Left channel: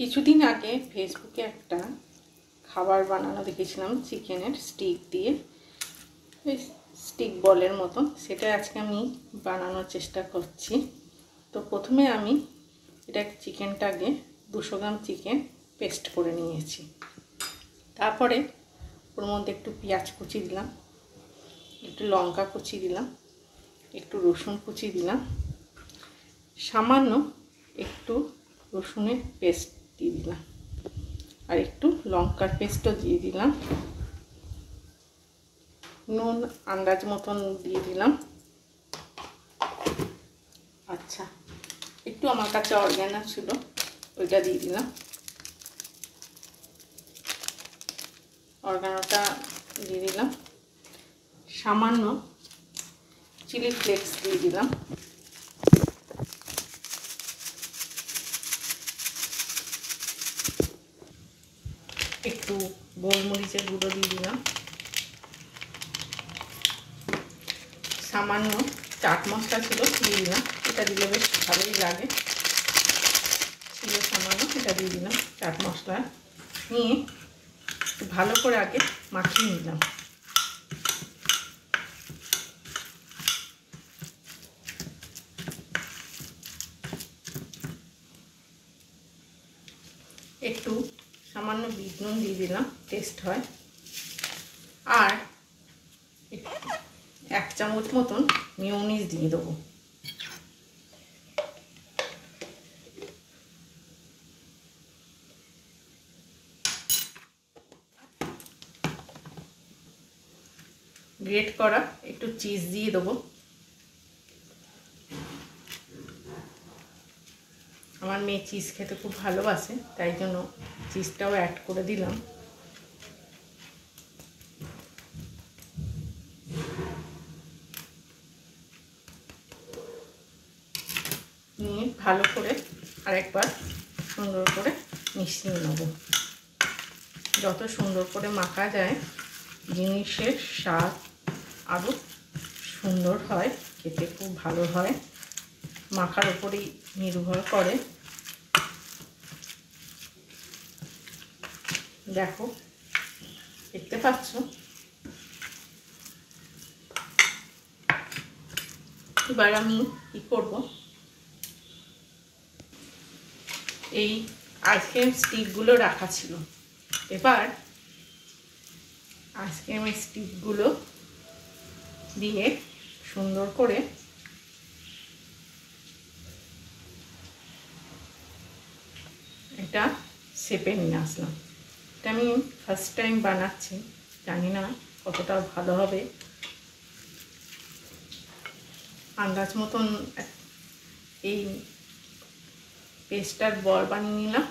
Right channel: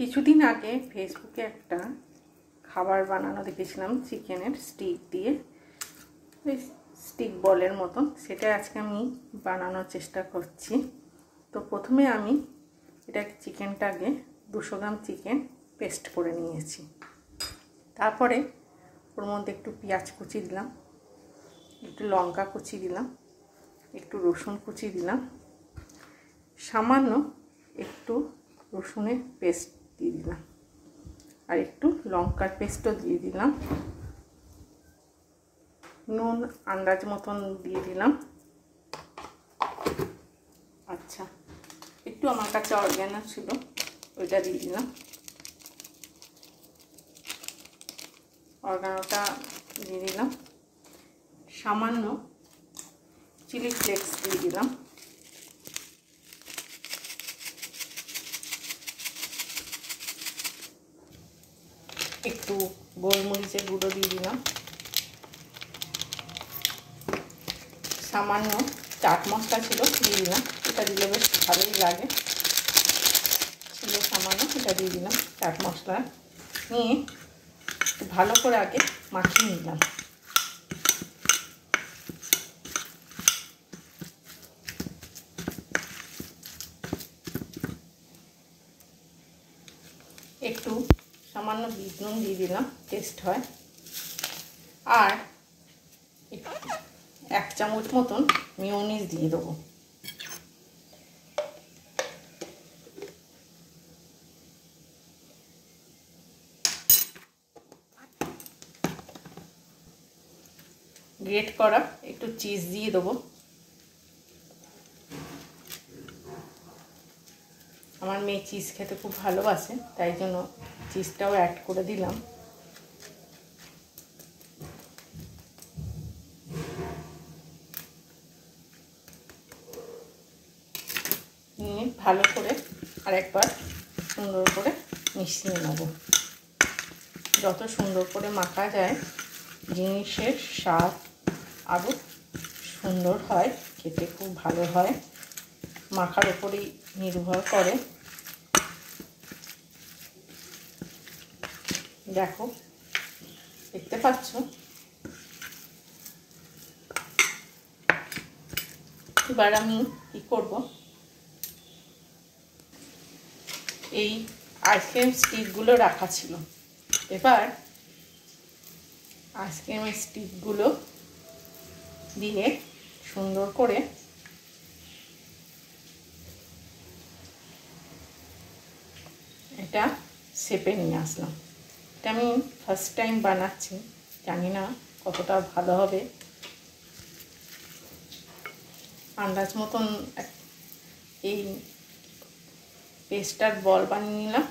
কিছুদিন আগে ফেসবুকে একটা খাবার বানানো দেখেছিলাম চিকেনের স্টিক দিয়ে, ওই স্টিক বলের মতন। সেটা আজকে আমি বানানোর চেষ্টা করছি। তো প্রথমে আমি চিকেনটাকে 200 গ্রাম চিকেন পেস্ট করে নিয়েছি। তারপরে ওর মধ্যে একটু পেঁয়াজ কুচি দিলাম, একটু লঙ্কা কুচি দিলাম, একটু রসুন কুচি দিলাম, সামান্য একটু রসুনের পেস্ট দিয়ে দিলাম, আর একটু লঙ্কার পেস্টও দিয়ে দিলাম, নুন আন্দাজ মতন দিয়ে দিলাম। আচ্ছা, একটু আমার কাছে অর্গ্যানো ছিল, ওইটা দিয়ে দিলাম। অর্গ্যানোটা দিয়ে দিলাম, সামান্য চিলি ফ্লেক্স দিয়ে দিলাম, একটু গোলমরিচের গুঁড়ো দিয়ে দিলাম, সামান্য চাট মশলা ছিল দিয়ে দিলাম। এটা দিলে বেশ ভালোই লাগে, ছিল সামান্য, এটা দিয়ে দিলাম। চাট মশলা নিয়ে ভালো করে আগে মাখিয়ে নিলাম। একটু সামান্য বিট নুন দিয়ে দিলাম, টেস্ট হয়। আর 1 চামচ মতন মেয়োনিজ দিয়ে দেবো। গ্রেট করা একটু চিজ দিয়ে দেবো। আমার মেয়ে চিজ খেতে খুব ভালোবাসে, তাই জন্য চিজটাও অ্যাড করে দিলাম। নিয়ে ভালো করে আরেকবার সুন্দর করে মিশিয়ে নেব। যত সুন্দর করে মাখা যায় জিনিসের স্বাদ আরও সুন্দর হয়, খেতে খুব ভালো হয়। মাখার উপরেই নির্ভর করে। দেখো, দেখতে পাচ্ছ? এবার আমি কি করব, এই আইসক্রিম স্টিকগুলো রাখা ছিল। এবার আইসক্রিম স্টিকগুলো দিয়ে সুন্দর করে এটা শেপে নিয়ে আসলাম। এটা আমি ফার্স্ট টাইম বানাচ্ছি, জানি না কতটা ভালো হবে। আন্দাজ মতন এই পেস্টার বল বানিয়ে নিলাম।